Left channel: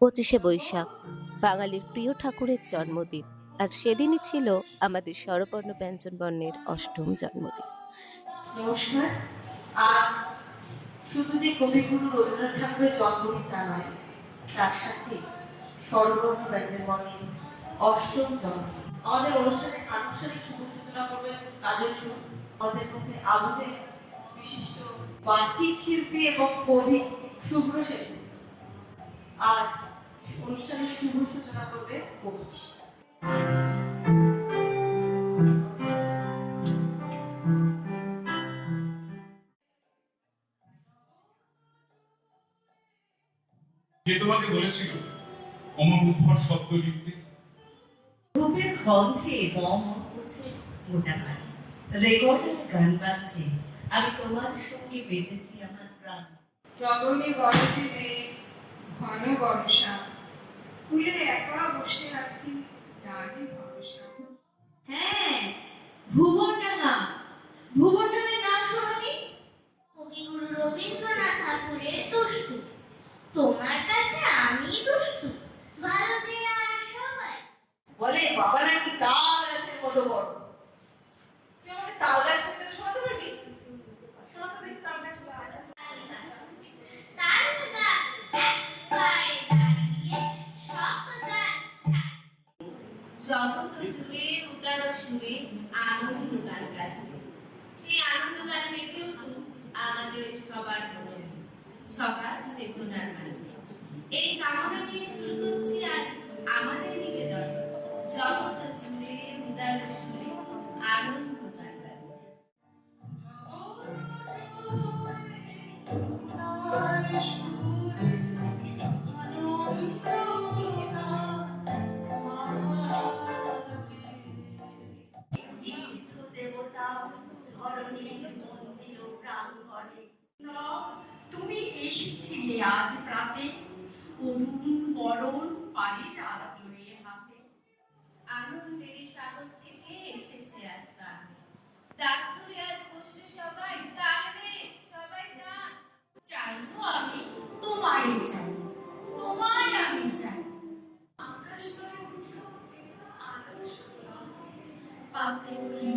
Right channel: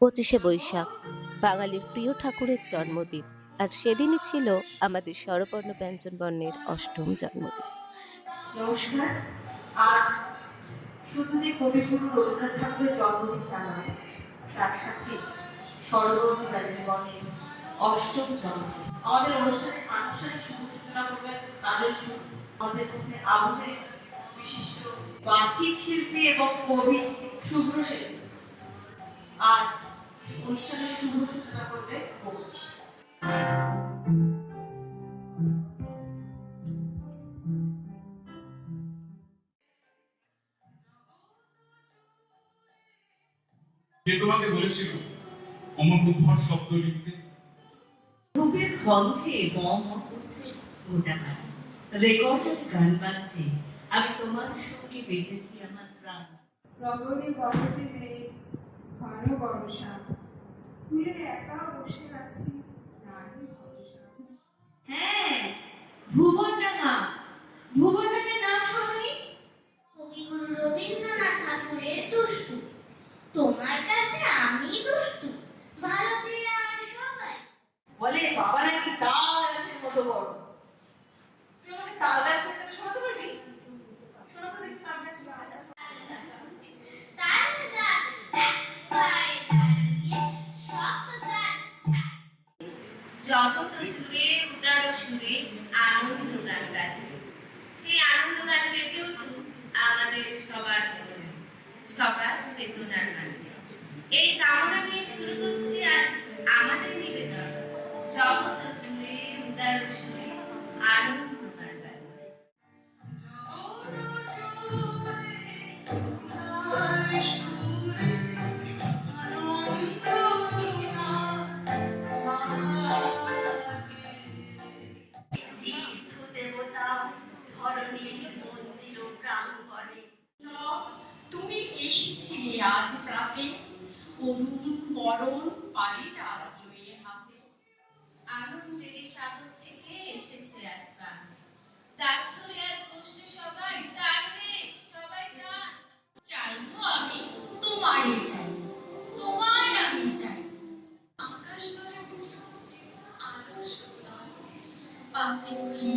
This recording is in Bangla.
25শে বৈশাখ বাঙালির প্রিয় ঠাকুরের জন্মদিন। আর সেদিনই ছিল আমাদের স্বরবর্ণ ব্যঞ্জন বর্ণের অষ্টম জন্মদিন। নমস্কার। আজ শুধু যে কবিগুরু রবীন্দ্রনাথ ঠাকুরের জন্মদিন তা নয়, তার সাথে স্বরবর্ণ ব্যঞ্জনবর্ণের অষ্টম জন্মদিন। আমাদের অনুষ্ঠানের আনুষ্ঠানিক শুভ সূচনা করবেন কাজল সুর। আমাদের মধ্যে আবহের বিশিষ্ট বাচিক শিল্পী এবং কবি শুভ্র সেন আজ অনুষ্ঠানের শুভ সূচনা করবে কবি। কে তোমাকে বলেছিল অমরুদ্ভর শব্দ লিখতে? ধূপের গন্ধে বম করছে গোটা বাড়ি, রেকর্ডের গান বাজছে, আমি তোমার সঙ্গে বেঁধেছি আমার প্রাণ। গগনে গরজে মেঘ, ঘন বর্ষা, কুলে একা বসে আছি, নাহি ভরসা। হ্যাঁ, ভুবনডাঙ্গা, ভুবনডাঙ্গার নাম শোনি? কবিগুরু রবীন্দ্রনাথ ঠাকুরের দুষ্টু, তোমার কাছে আমি দুষ্টু, ভালো যে আর সবাই। বলে বাবা নাকি তাল গাছের মতো বড়। তুই আমাকে তাল গাছ সম্পর্কে শোনাতে পারবি? শোনাতে দেখি তাল গাছ। তাল গাছ এক পায়ে দাঁড়িয়ে সব গাছ ছায়। জগৎ জুড়ে উদার সুরে আনন্দ গান গাছে। সেই আনন্দ গান বেজে উঠুক আমাদের সবার মনে, সবার চেতনার মাঝে। এই কামনা নিয়ে শুরু করছি আজ আমাদের নিবেদন, জগৎ জুড়ে উদার সুরে আনন্দ গান গাছে। তীর্থ দেবতা ধরণীর মন্দির ও প্রাঙ্গণে তুমি এসেছিলে আজ প্রাতে, করুণ বরণ পারিজাত হয়ে হাতে। আনন্দের স্বাগত থেকে এসেছে আজ গান, ডাক ধরে আজ বসলে সবাই, টান রে সবাই টান। চাইবো আমি তোমারই চাই, তোমায় আমি চাই। আকাশ তলে উঠে উঠে আলো সুন্দর, পাপড়িগুলি